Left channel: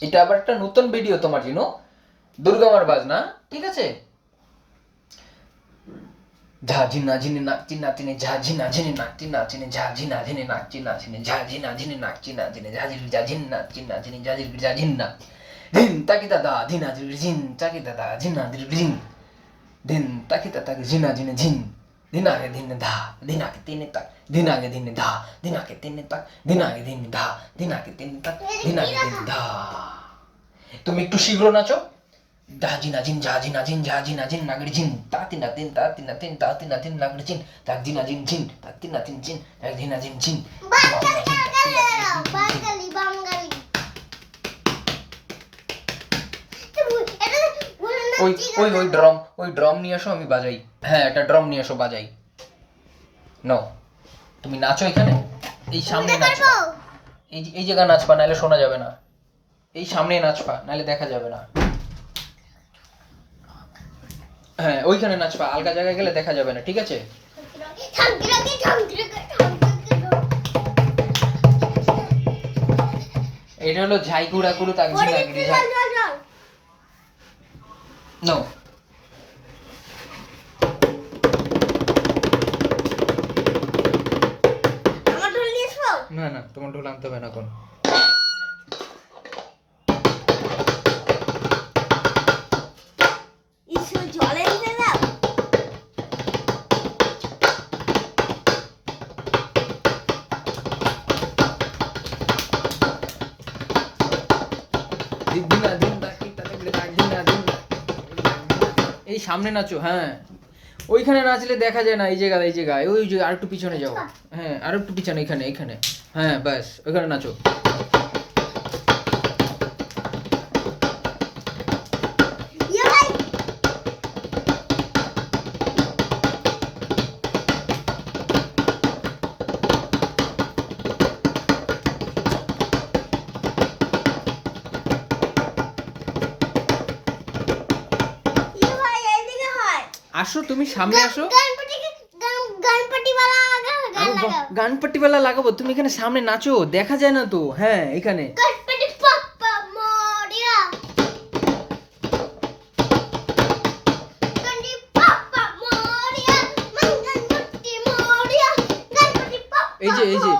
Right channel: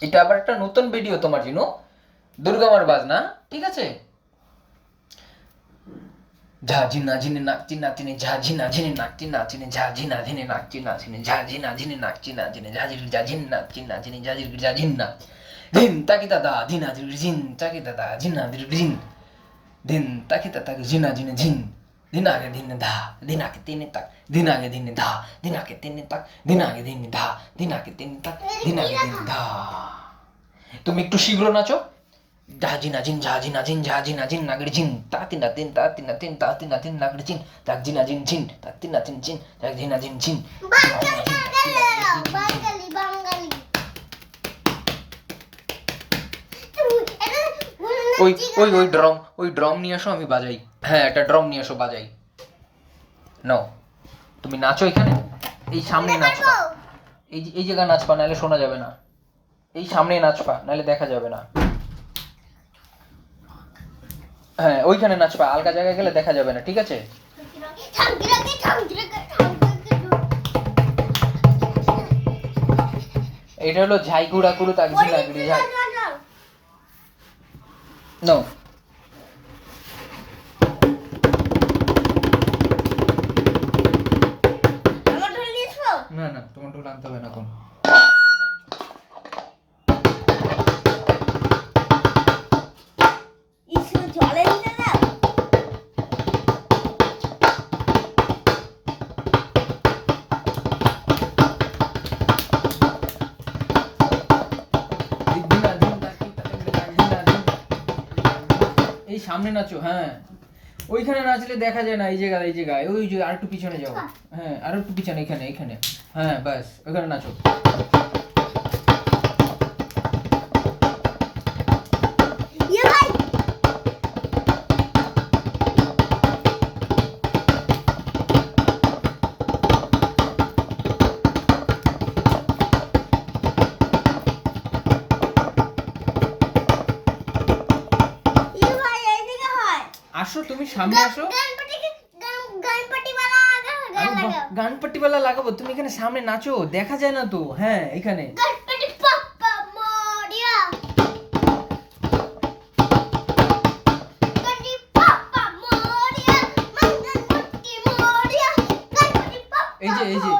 এটা আবার একটা নতুন ভিডিও তোমার জন্য দুর্গামার বাজনা। ঠিক আছে? ঝা ঝিনা ঝিনে নাচি নাচিনে ঝা ঝিনা ঝিনে নাচি নাচিনে ঝা ঝিনা ঝিনে নাচি নাচিনে ঝা ঝিনা ঝিনে নাচি নাচিনে নাচি নাচিনে না। তাকি দাদা ঝিন, তাকি দাদা ঝিনা। তাকি দাদা ঝিনা। দিনে ধা দিনাকে তিনে তাক দিনে ধা তিনে তাক দিনাগে দিনে ধা তিনে তাক দিনে ধা। তুমি একটু শীঘ্র নাচো। ড্রম নিয়ে আসো আমি বাজাই। হ্যাঁ একটা ড্রম নিয়ে আসো বাজাই। ন তুমি নাচো এখানে? এই সামনে নাচো। এই যে এই জায়গায় নাচ বানালে শোনা যাবে না। এই সামনে নাচবা নাহলে দেখা যাবে না। হ্যাঁ ওইখানে নাচবা আলগা জায়গায় গেলে দেখা যাবে না ঠিক আছে? এটা হলো ঝাই গুড়া গুড়ু ঝিনাগড়ি ঝাই নো না না তোমার ঢোল আনতে হবে না এখন। এই সামনে নাচো হ্যাঁ। ওইখানে নাচলে দেখা যায় না এই জায়গায় এই জায়গায়। ওই যে আর একটু পিছনে যাও। হ্যাঁ আর একটু পিছনে এখানে এখানে। হ্যাঁ ব্যাস ওইখানে নাচো। আসো তুমি সামনে আসো। গানপাটি বেলা লাগাবো তুমি এখানে সামনে নাচো দেখা যায় না তো। হ্যাঁ এখানে। এই যে এই যে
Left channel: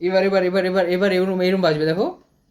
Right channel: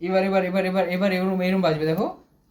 এবার এবার এবার এবার এবার এরম এরম বাজবে দেখো।